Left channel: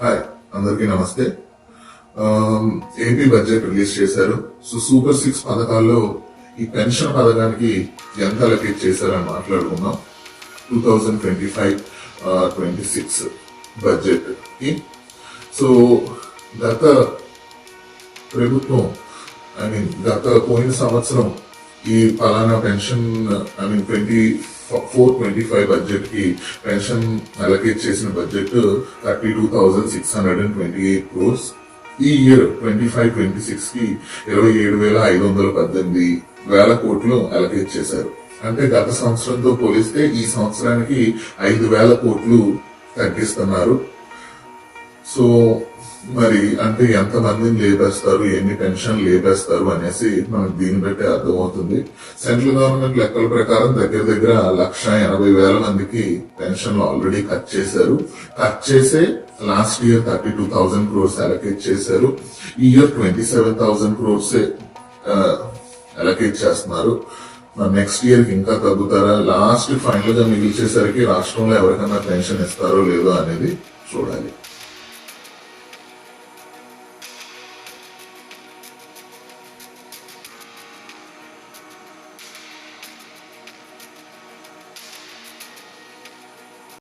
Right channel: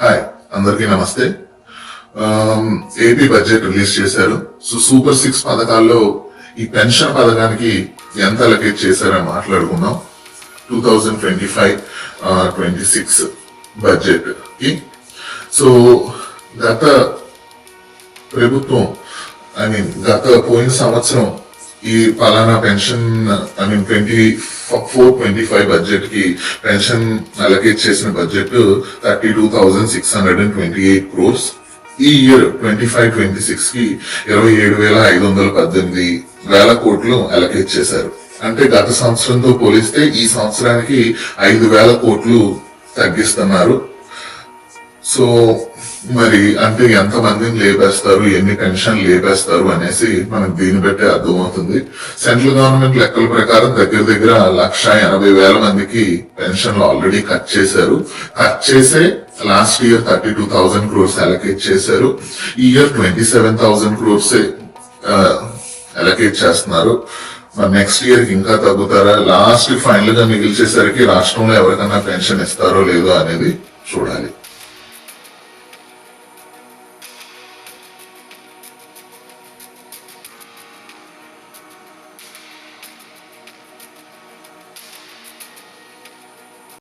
Hi, అందరికీ నమస్తే. AP budget release చేశారు. సో సూపర్ 6 పథకాల్లో ఈ పెన్షన్ పథకానికి ఎంత అలొకేట్ చేశారని మాట్లాడుకుందాం. 2025-26 బడ్జెట్ కి. సో గత ప్రభుత్వం గత పోయిన సంవత్సరం ఈ పలానా పెన్షన్ 24-25 బడ్జెట్ కి పెన్షన్ అలొకేట్ చేసిన బడ్జెట్ 32,628 crores. ఈ ఇయర్ 25-26 కి 27,518 కోట్లు అలొకేట్ చేశారు. అంటే గత సంవత్సరంతో పోలిస్తే ఈ సంవత్సరానికి 5,000 కోట్లు తగ్గిస్తున్నారు. సో మరి అంటే ఎంత మందిని లేపేస్తారు, ఎన్ని పెన్షన్ లేపేస్తారు అనేసి మనకు దీన్ని బట్టి అర్థమవుతుంది. సెంట్రల్ గవర్నమెంట్ లెక్కల ప్రకారం దగ్గర 1,80,000 మందికి పెన్షన్లు ఆల్రెడీ కట్ చేశారు. కట్ చేసే లాస్ట్ ఇయర్ 32,000 crores అలొకేట్ చేశారు. ఈ ఇయర్ 27,000 crores అలొకేట్ చేస్తున్నారు. మరి నెక్స్ట్ ఇయర్ కి ఇంకా తగ్గుతారా, లాస్ట్ ఫైనల్ గా మిగిల్చేసరికి రాష్ట్రంలో ఎవరికన్నా పెన్షన్ ఇస్తారో లేదో అనేది చూడాలి.